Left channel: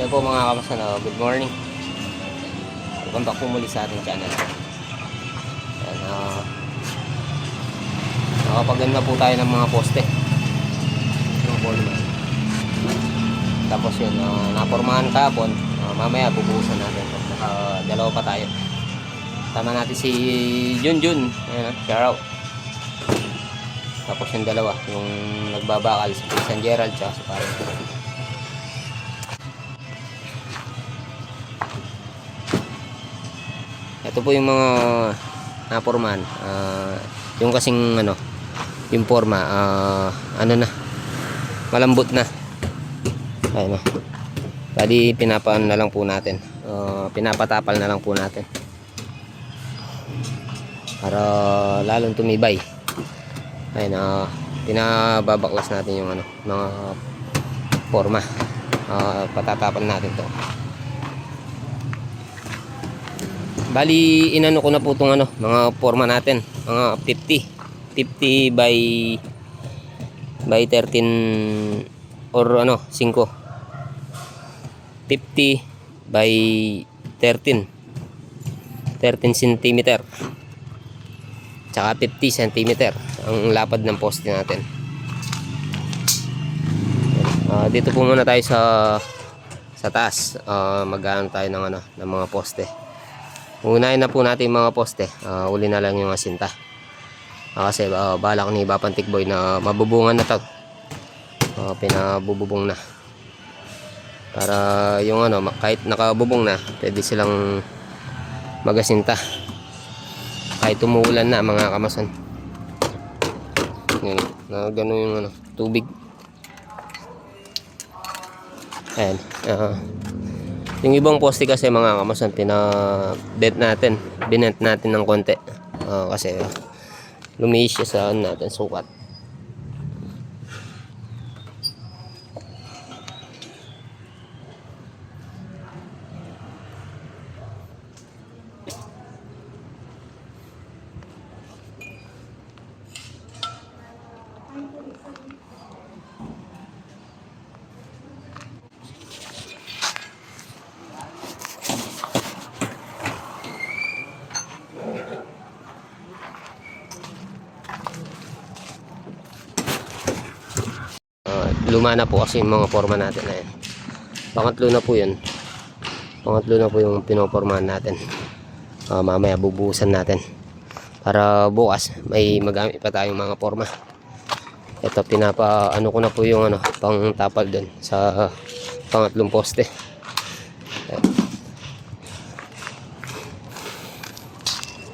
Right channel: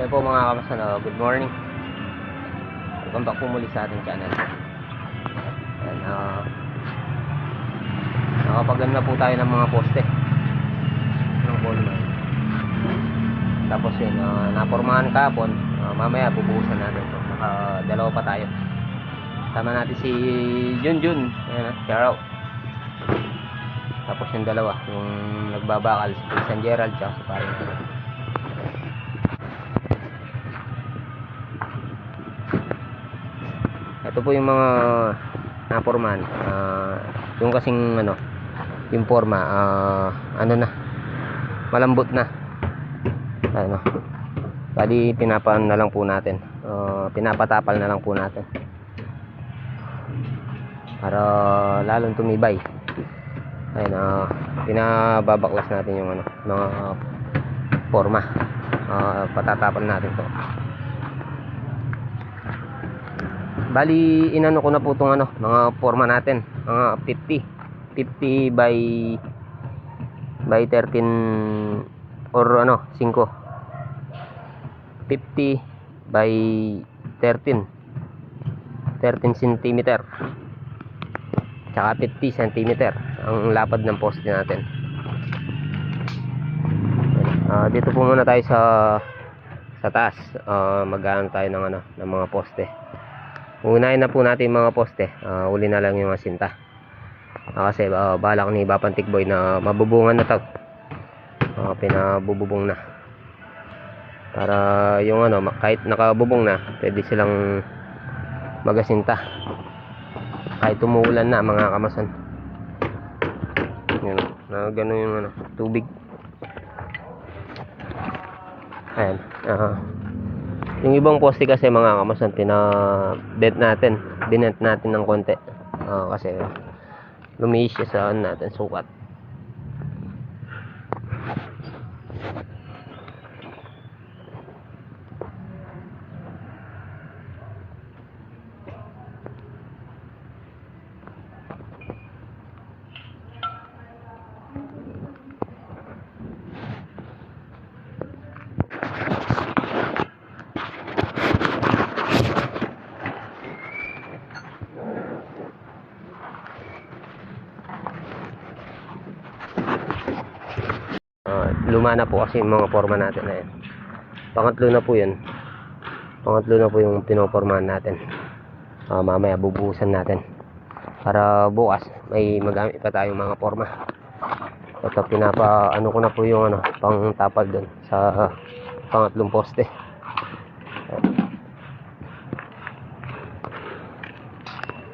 Kaya po mga kamasan, good morning. Welcome back po muli sa ating channel. Ayan, nakapaganda po tayo ng mga poste ng poleman. Tapos yun, napormahan kahapon. Mamaya bubuhusan natin. Dalawa pa tayo. Tama natin si Junjun. Ayan, shout out. Tapos yung dalawa, yung nagbabakal, si San Gerald tsaka si Parang. Ito po yung mga pormahan. Yung kasing yung forma, na, malambot na. Ayun, bali pinapaan na lang po natin. Pinapatapal na lang po natin. Para lalong tumibay. Ayun, pinababaklas natin yung mga forma. Patatapal natin to. Bali inano ko na po itong mga forma natin, mga 50 by 13 or 5, 50 by 13 cm tsaka 50 cm ang lapad ng poste natin. Dito po muna tayo sa taas. Mag-aano tayo ng mga poste. Unahin na po natin yung mga poste. Uli na lang yung asinta. Kasi balak ni Bapantik Boy na mabubungan na to. Pinabububong na. Para yung kahit nakabubong na, pwede silang magasinta. Kahit umuulan na mga kamasan. Yun, gano'n yung tubig. Ayan. Yung ibang poste kasi mga kamasan, binent natin ng konti. Kasi lumiis siya sa natin sukat. Luma na po kasi yung mga forma natin na yan. Pangatlo na po yun. Pangatlo na po yung pinopormahan natin. Mamaya bubuhusan natin para bukas may magamit pa tayong mga forma. Ito ko na po yung pang tapal doon sa pangatlong poste.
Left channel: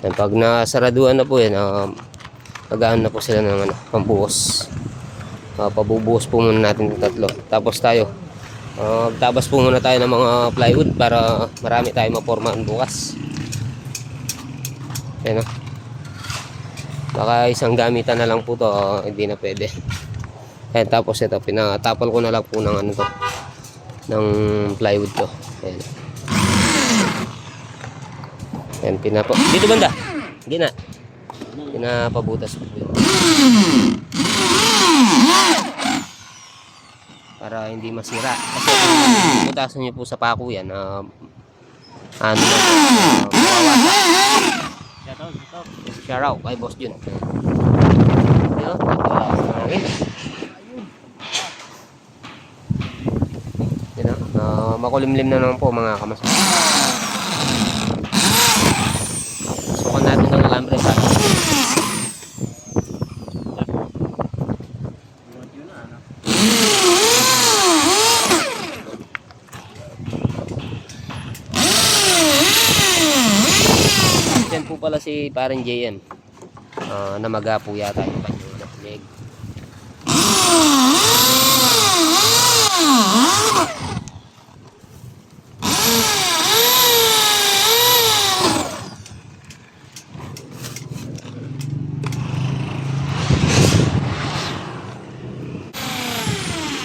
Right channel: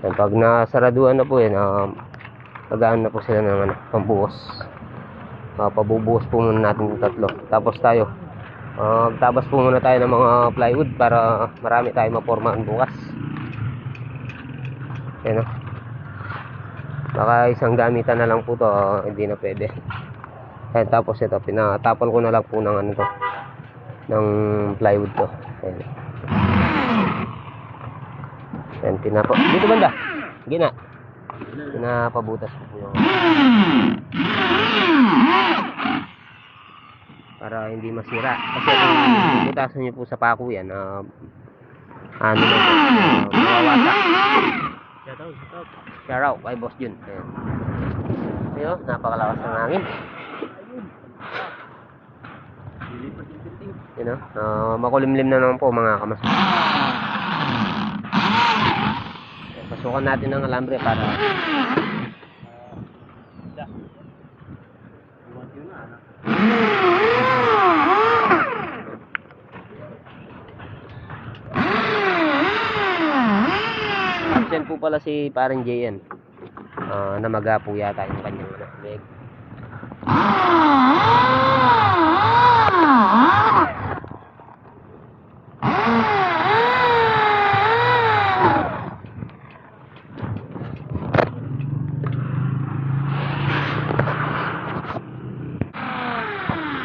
Yan, pag nasaraduan na po yan, magaan na po sila ng pambuhos. Pabubuhos po muna natin yung tatlo. Tapos tayo tabas po muna tayo ng mga plywood para marami tayong mapormahan bukas. Yan, baka isang gamitan na lang po to, hindi na pwede. Ayan, tapos ito pinatapal ko na lang po ng ng plywood to. Ayan. Ayan, dito banda gina pinapabutas po yun para hindi masira. Kasi kung butasan nyo po sa pako yan, shout out kay Boss Jun. Ayun, napakalakas ng hangin. Yun, makulimlim na naman po mga kamas. Pasukan natin ng alambre para yan po pala si Parang Jayan. Namaga po yata yung kanyang leg.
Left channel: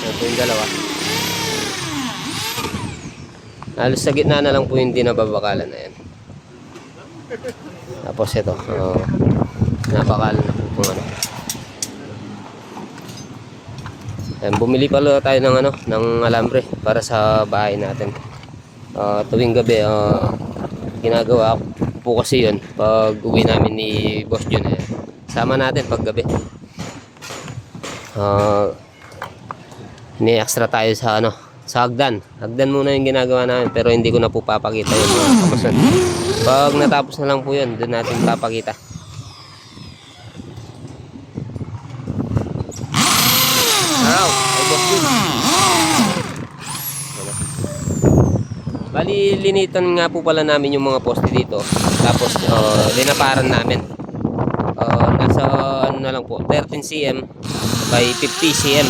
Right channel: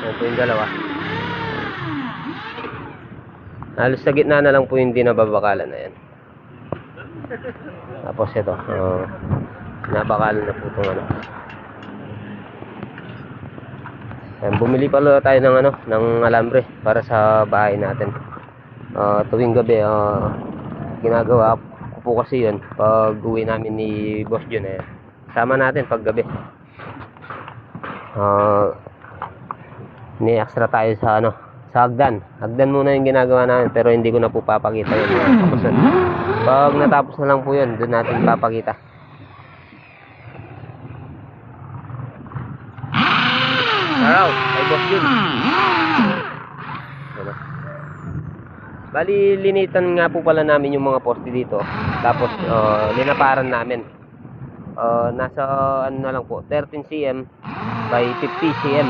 Ito yung dalawa. Halos sa gitna na lang po yung dinababakalan na yan. Tapos ito, napakalan na po itong Ayan, bumili pala tayo ng ano, ng alambre para sa bahay natin. Tuwing gabi, ginagawa ko po kasi yun pag uwi namin ni Boss Jun. Ayan, sama natin pag gabi. Ni-extra tayo sa ano, sa hagdan. Hagdan muna yung ginagawa namin, pero hindi ko na po papakita yun. Pag natapos na lang po yun, doon natin papakita. Araw, ay Boss Jun. Ano? Bali, linitan nga po pala namin yung mga poste dito. Tapos, linaparan namin. Nasa ano na lang po, 13 cm by 50 cm.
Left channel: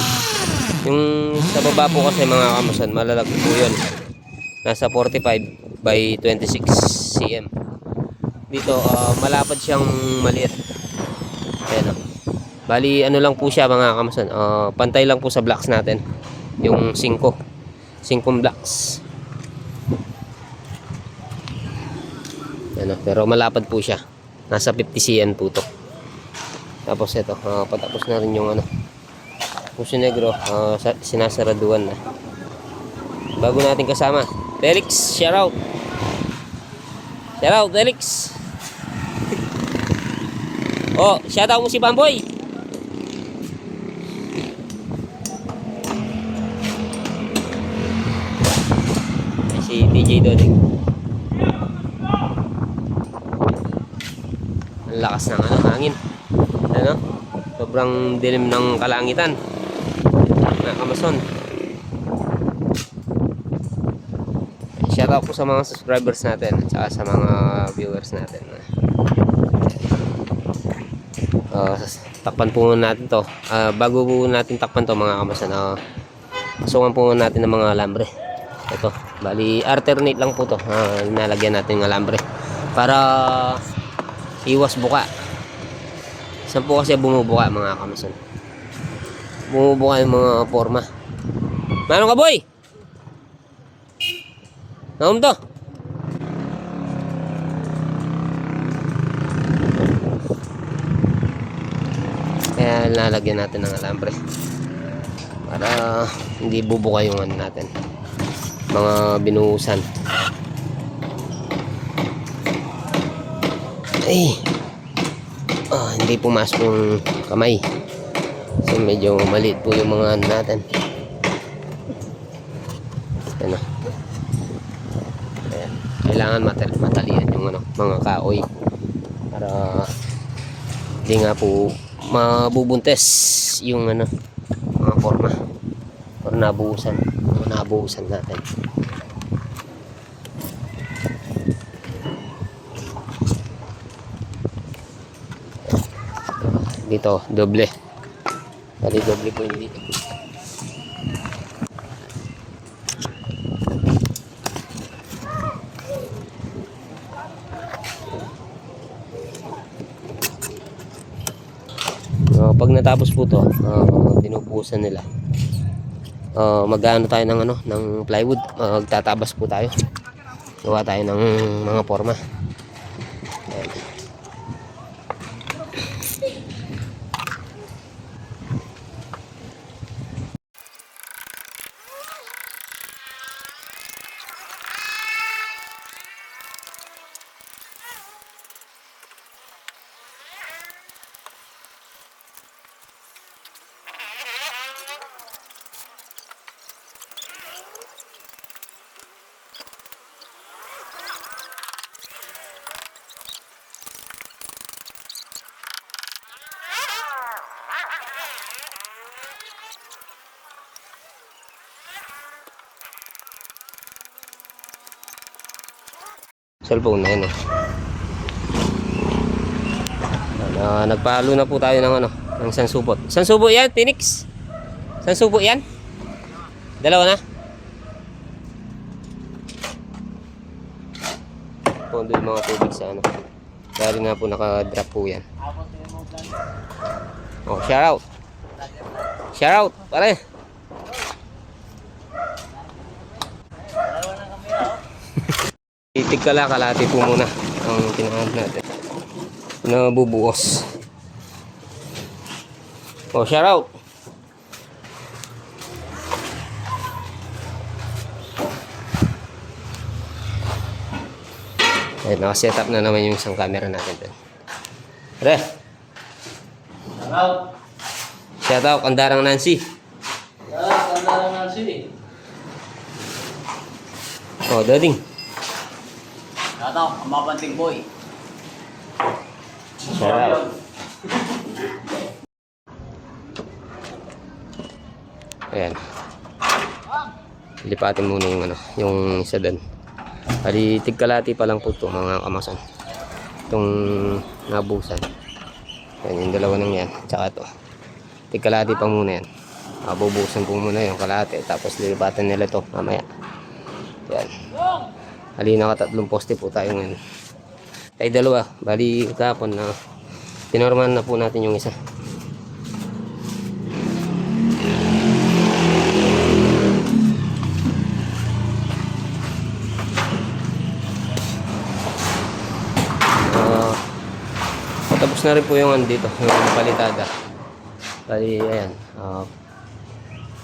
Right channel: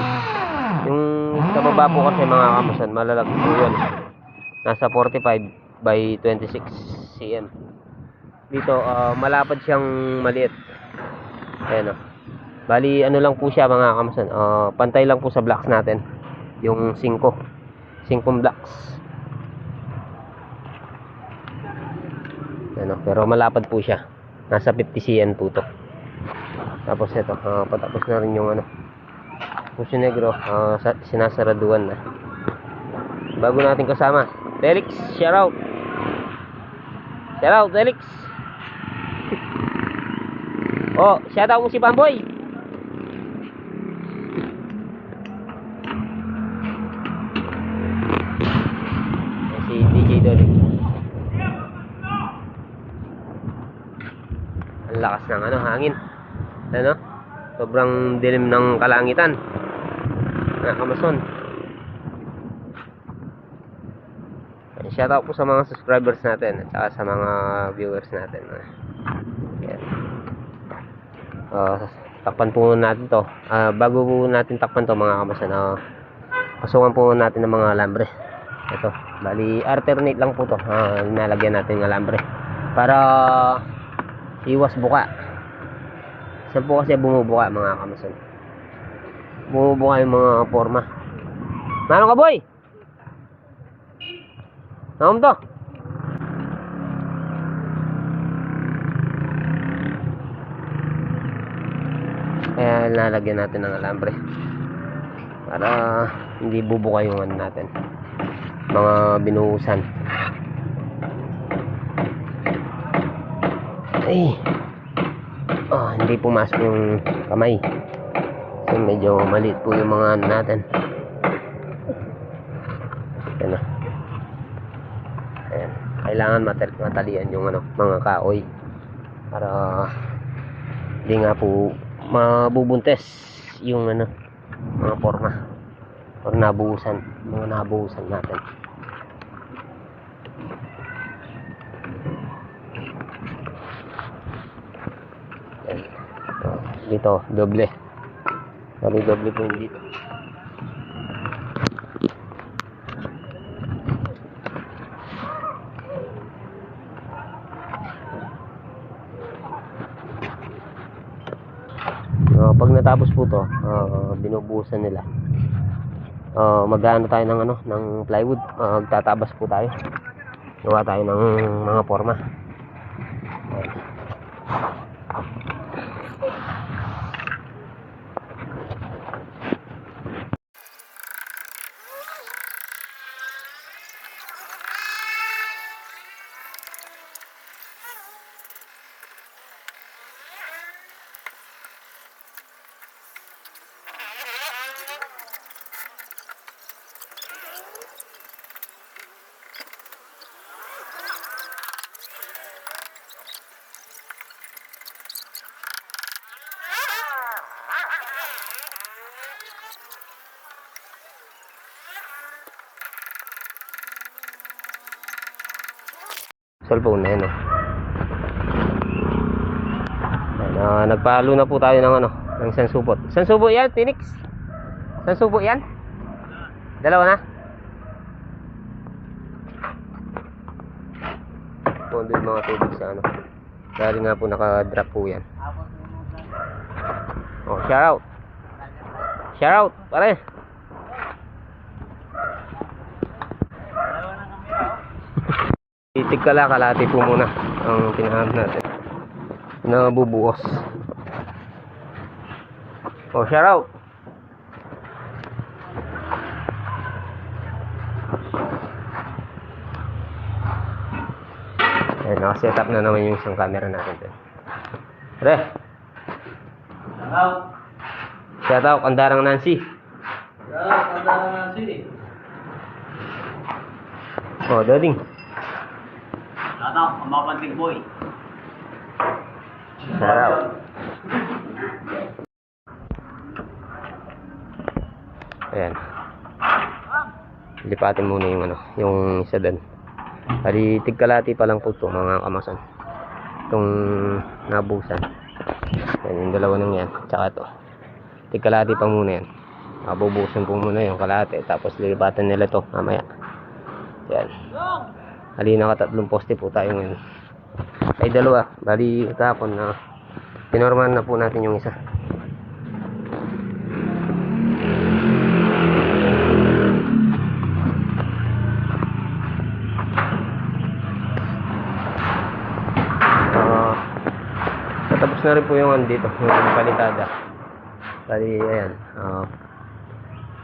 Yung sa baba po kasi mga kamusan, malalaki po yun. Nasa 45 by 26 cm. Dito, malapad siyang maliit. Ayan o. Bali, ano lang po siya mga kamusan. Pantay lang po sa blocks natin. Yung 5 blocks. Ano, pero malapad po siya. Nasa 50 cm po to. Tapos ito, patapos na rin yung ano, Puso Negro, sinasaraduan na. Bago natin kasama, Felix, shout out. Shout out, Felix. Oh, shout out mo si Bamboy. Si DJ Doding. Ang lakas ng ano, hangin. Ano? Sobrang dilim ng kalangitan. Mga kamason. Shoutout po sa mga subscribers natin at saka sa mga viewers natin. Takpan po muna natin to. Bago po natin takpan to mga kamason, pasungan po natin ng mga alambre. Ito, bali alternate lang po to. Nalagyan natin ng alambre para iwas buka. Saan po kasi bumubuka mga kamason? Bumubuka yung mga forma. Manong ka boy? Nakom to? Kaya lalagyan natin ng alambre para hindi bubuka yung ano natin, mga binuhusan. Ay, hindi pumasok yung kamay. So medyo maliit po yung mga ano natin. Ayan. Ayan. Kailangan matalian yung ano, mga kahoy para hindi nga po mabubuntes yung ano, mga forma or nabuhusan, mga nabuhusan natin. Dito doble. Bali doble po dito. Pag natapos po to, binubuhusan nila. Mag-ano tayo ng ano, ng plywood. Magtatabas po tayo. Gawa tayo ng mga forma. Ayan. Cellphone na yun eh. Nagpalo na po tayo ng ano, ng isang supot. Isang subo yan, Tinix? Isang subo yan? Dalawa na? Pondo yung mga tubig sa ano. Dahil nga po naka-drop po yan. Oh, shout out. Shout out, pare. Itig kalati po muna ang pinahanap natin. Pinabubuos. Oh, shout out. Ayan, nakaset up na naman yung isang camera natin dun. Pre, Shoutout. shout out Kandarang Nancy. Shoutout, Kandarang Nancy. Oh, Dading. Shoutout, ang mga panting boy. Shout out. Ayan. Lipatin muna yung ano, yung isa doon. Bali, tigkalati pa lang po ito mga kamason. Itong nabusan. Ayan, yung dalawa nang yan. Tsaka ito. Tigkalati pa muna yan. Bubusan po muna yung kalate. Tapos lilipatan nila ito mamaya. Ayan. Bali, nakatatlong poste po tayo ngayon. Ay, dalawa. Bali, kahapon na pinormahan na po natin yung isa. Tapos na rin po yung dito, yung palitada. Bali, ayan.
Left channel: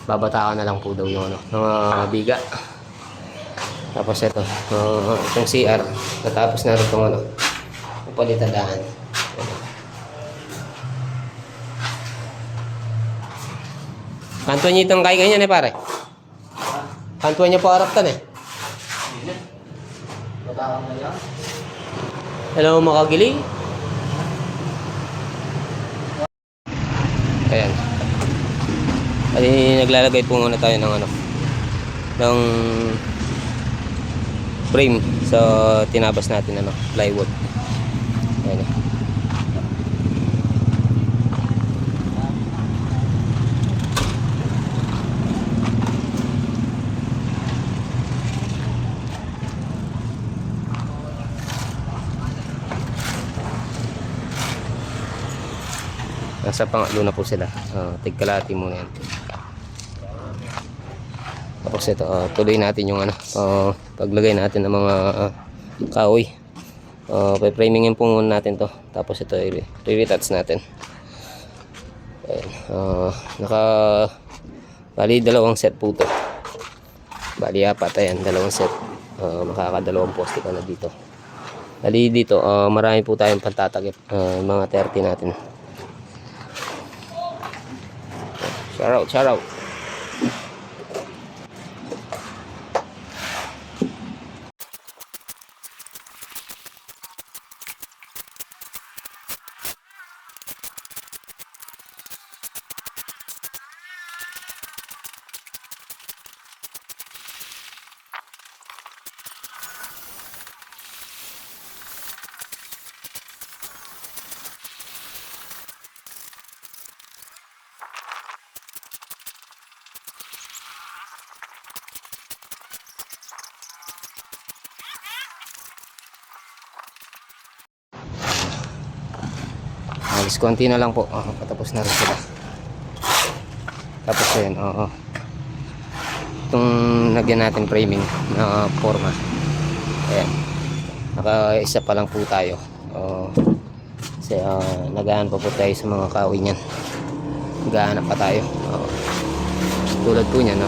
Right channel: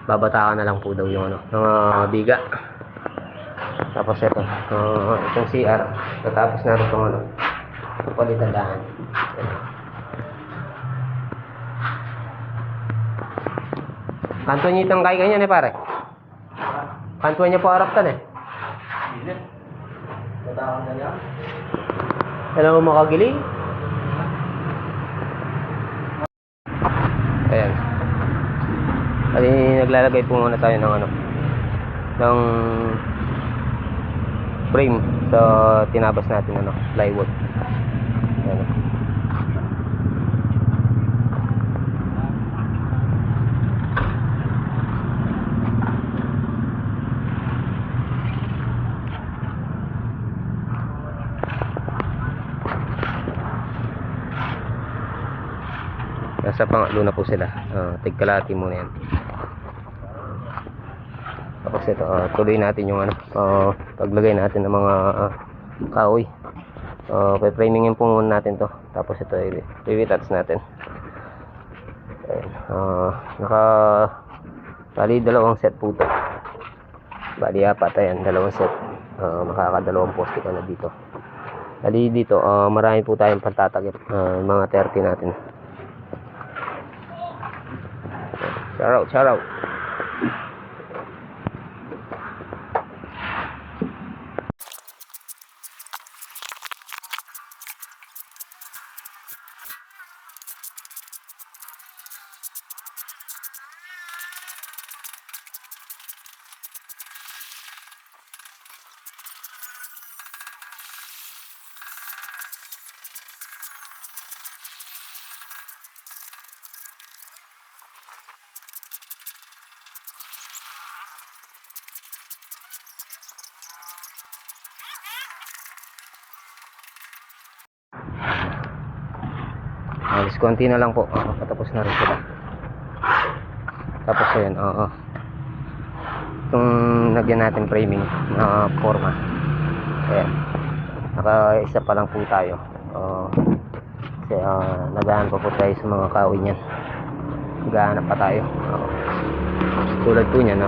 Babatakan na lang po daw yung ano, mga biga. Tapos ito, itong CR. Tapos na rin itong ano, yung palitadaan. Kantuan niya itong kaya ganyan pare. Kantuan niya po haraptan Hello mga kagiling. Ayan. Kasi naglalagay po muna tayo ng ano, ng frame sa tinabas natin ano, plywood. Ayan. Nasa pangatlo na po sila. Tigkalati muna yan. Tapos ito, tuloy natin yung ano, paglagay natin ng mga kahoy. Pe-framingin po muna natin to. Tapos ito, i-retouch natin. Ayan. Bali, dalawang set po to. Bali, apat. Ayan, dalawang set. Nakakadalawang poste ka na dito. Bali, dito, marami po tayong pantatagip. Mga 30 natin. Shout out, shout out. Alis konti na lang po. Patapos na rin sila. Tapos ayan, itong nagyan natin framing na forma. Ayan. Naka-isa pa lang po tayo. Kasi nagahan pa po tayo sa mga kahoy niyan. Nagahanap pa tayo. Tulad po niyan,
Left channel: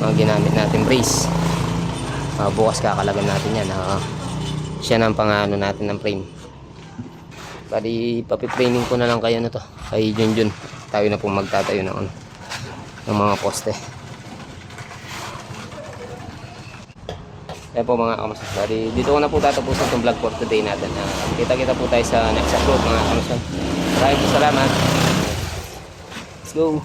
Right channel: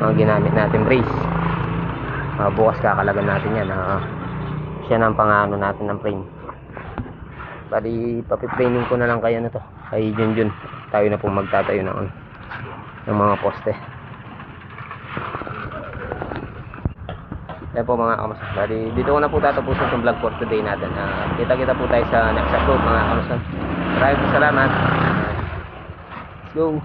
mga ginamit natin brace. Bukas kakalagan natin yan. Siya na ang pangano natin ng frame. Bali, papi-framing ko na lang kayo na to. Kay Junjun. Tayo na pong magtatayo ng mga poste. Yan po mga kamason. Bali, dito ko na po tatapusin itong vlog for today natin. Kita-kita po tayo sa next upload mga kamason. Maraming salamat. Let's go.